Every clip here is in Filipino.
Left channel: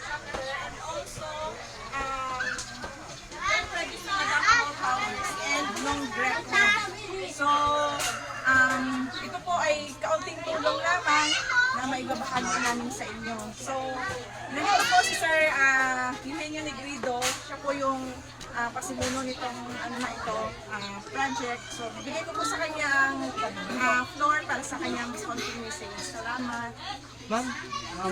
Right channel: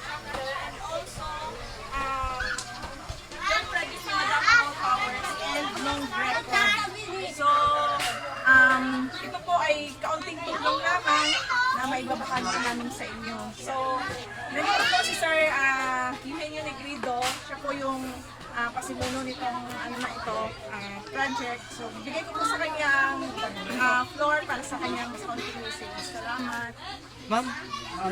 chapter, and also, yung traditional Davao flowers and long breakfast. So, ito po ay kaunting tulong lamang na maibabahagi ko namin sa inyo. So, nandito po si Sir Eugenio Negrido. Siya po yung pasimuno nitong project. So, bibigay ko po sa kanyang floor para sa kanyang discontinue message. Salamat. Ma'am,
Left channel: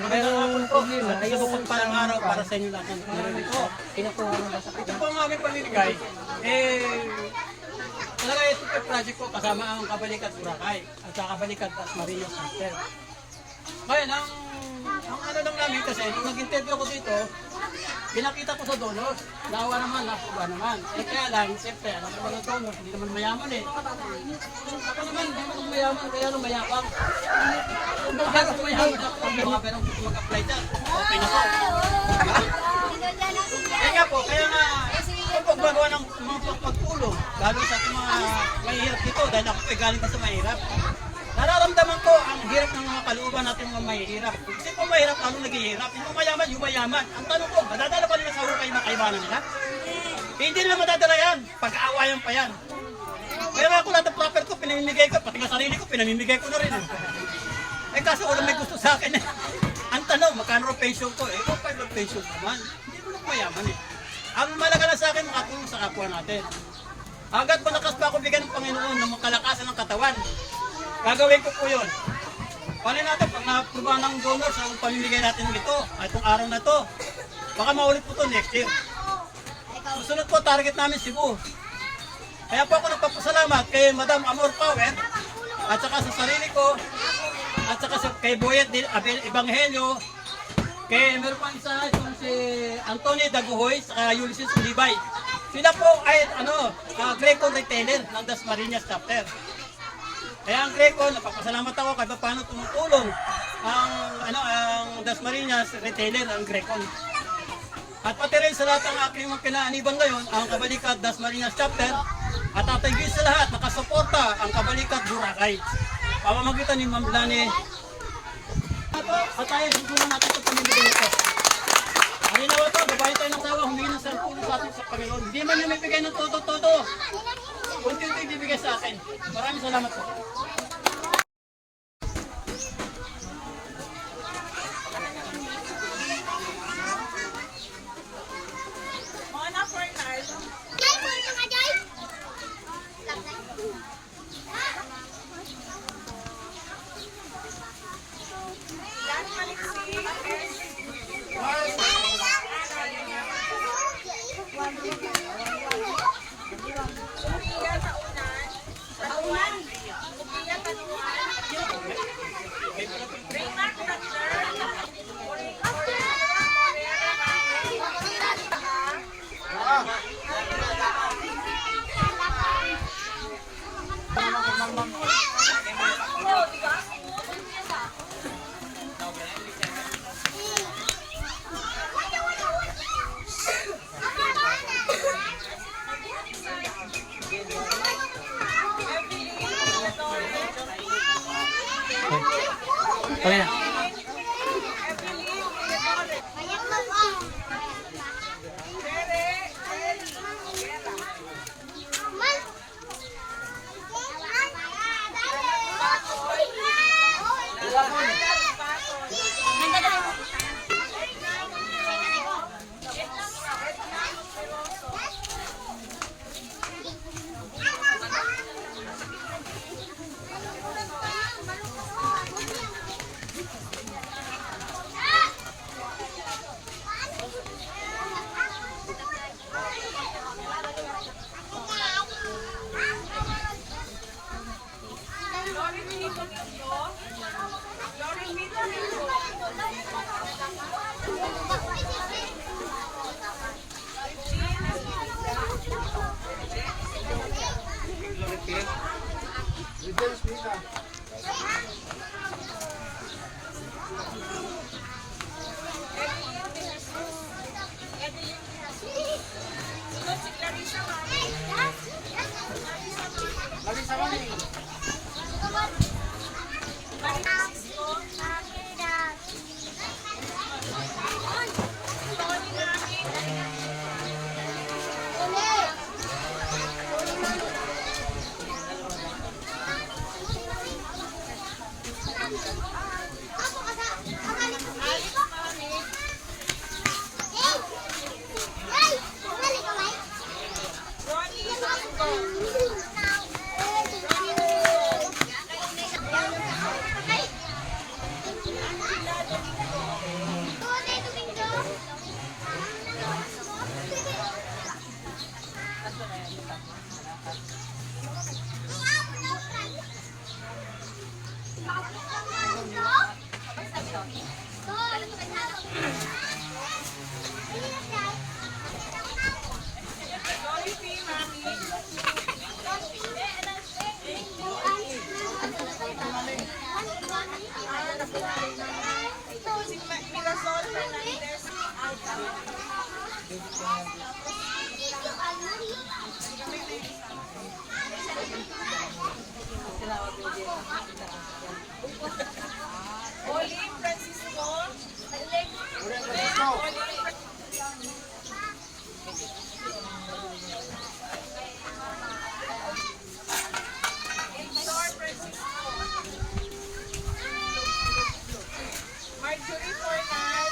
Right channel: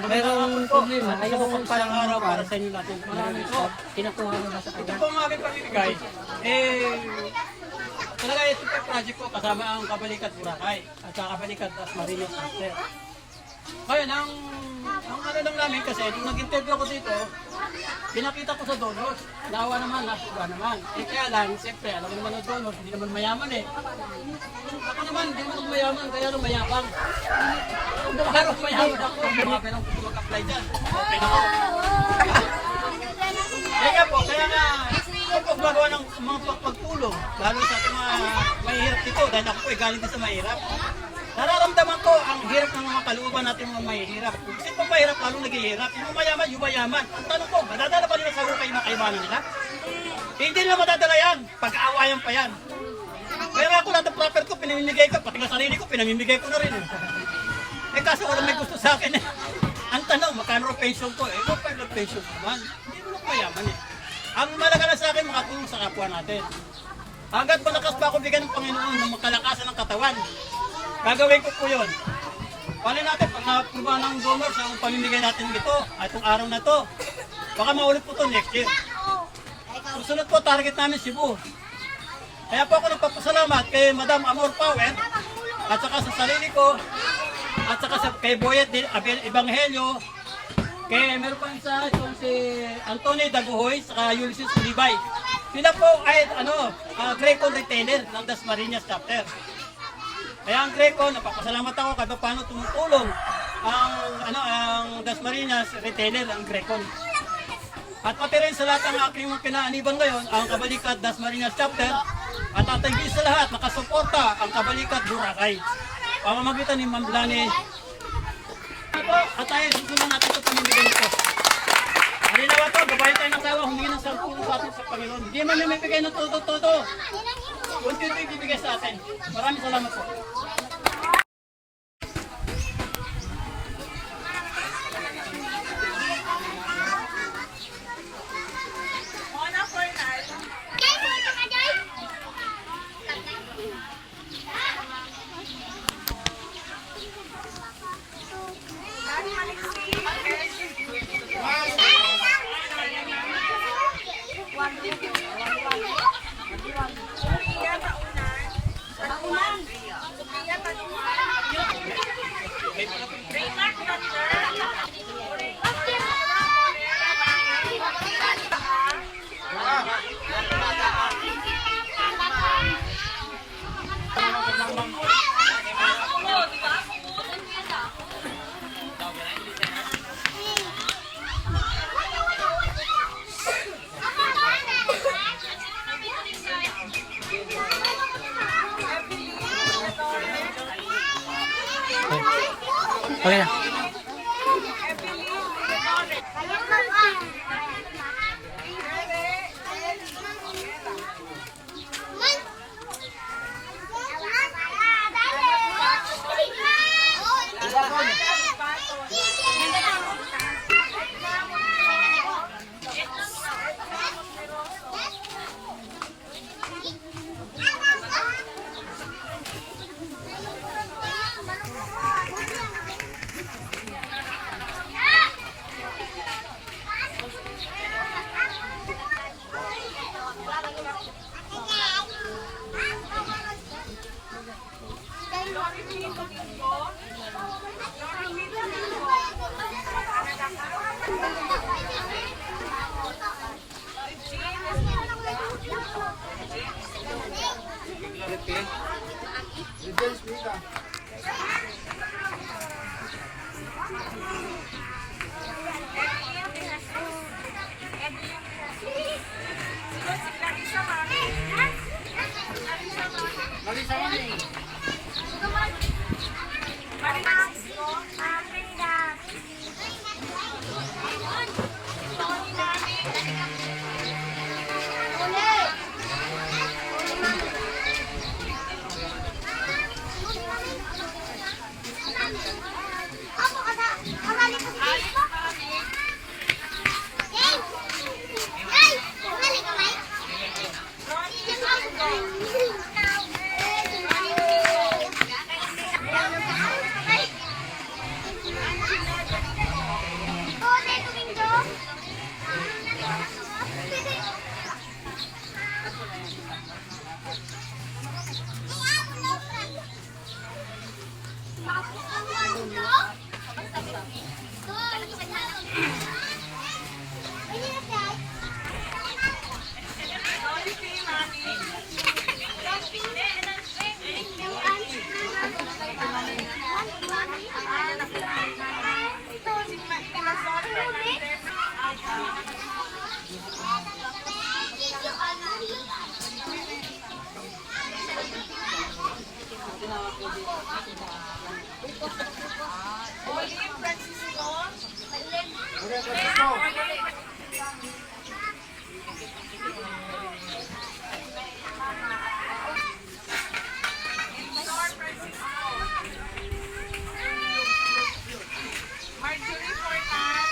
merong problema. Yung parang araw para sa inyo natin. Meron ito. Kinukuha mo na sa kanya. Ito po ang aming pamimigay. Talaga ito po project po kasama ang Kabalikat Boracay at sa Kabalikat Dasmariñas Center. Ngayon, ang ano lang namin kasi, nung nag-interview ako dito, pinakita ko sa donors, nawa naman, nasuba naman. Kaya lang, siyempre, alam naman ng donors, hindi naman mayaman eh. Ako naman, hindi naman mayaman, kaya nung mayabang. Kaya kung mayaman ako, mga perang gusto mag-apply dyan. Okay na po. Kaya po, kaya nga, kung paggagawa ng mga pagtulong, lalo sa mga mahihirap dito, dahil ako po ay galing din sa mahirap. Nararamdaman ko ang hirap ng mga kalooban natin mga mahihirap. Kasi kung mahirap, lalo naghihirap. Yung mayaman, yung mayaman. Ang tanong ko, madadala pa nila sa hukay yung mga kaibanan nila? Hindi nila madadala yan. Pag-aawayan pa yan. Kaya nga ako lahat ng proper ko, pinamimigay ko. Pati nga sarili ko, pinamimigay ko na rin. Eh kaso walang may gusto sa akin eh. Ang tanong, magkano ang pension ko? Eh, kung pwede pension naman. Hindi ko lang mayaman eh. Ang malaga na sa akin, makatulong sa kapwa natin. Hanggat malakas pa ako bigyan ng Panginoon ng kalakasan ng katawan, gagawin ko po yun. Paano natin, pag na-approve ng donors ang pamimigay natin ito, itong araw na to, baka maulit po ito next year. Susunod po, target namin Cebu. Kaya po ako nagpapasalamat kay Madam Amor Power, at saka sa sarili ko, at saka kay Boyet Ebanghelyo, kay meron pang isa, itong si Anthony Daguhoy, saka Ulysses Ulibay. Sila po ay Greco retailer ng Dasmariñas chapter. Kaya ang Greco, napapasalamat ako kahit paano tumutulong ang Dasmariñas retailer, ang Greco. At pati rin sa lahat ng aking kinaaniban ngayon, ang Kabalikat Dasmariñas chapter, at tatagin sa lahat, nakasuporta ang Kabalikat Boracay. Pamamagitan ni Ma'am Lani. At tayo, susunod natin ito pamimigay nito. Halinawa po, gabayan tayo ng tawa, humingi ng sarap sa atin sa Panginoon. Hindi man yung ibigay ng todo-todo. Kunti-kunti ibibigay sa atin. Maraming salamat po. Okay na. Olive Francisco. Victor Francisco. Marjorie Fortan.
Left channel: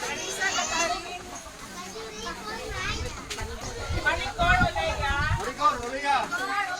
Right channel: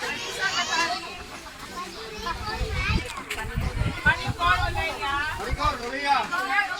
Marisa Catherine. Maricor Olea.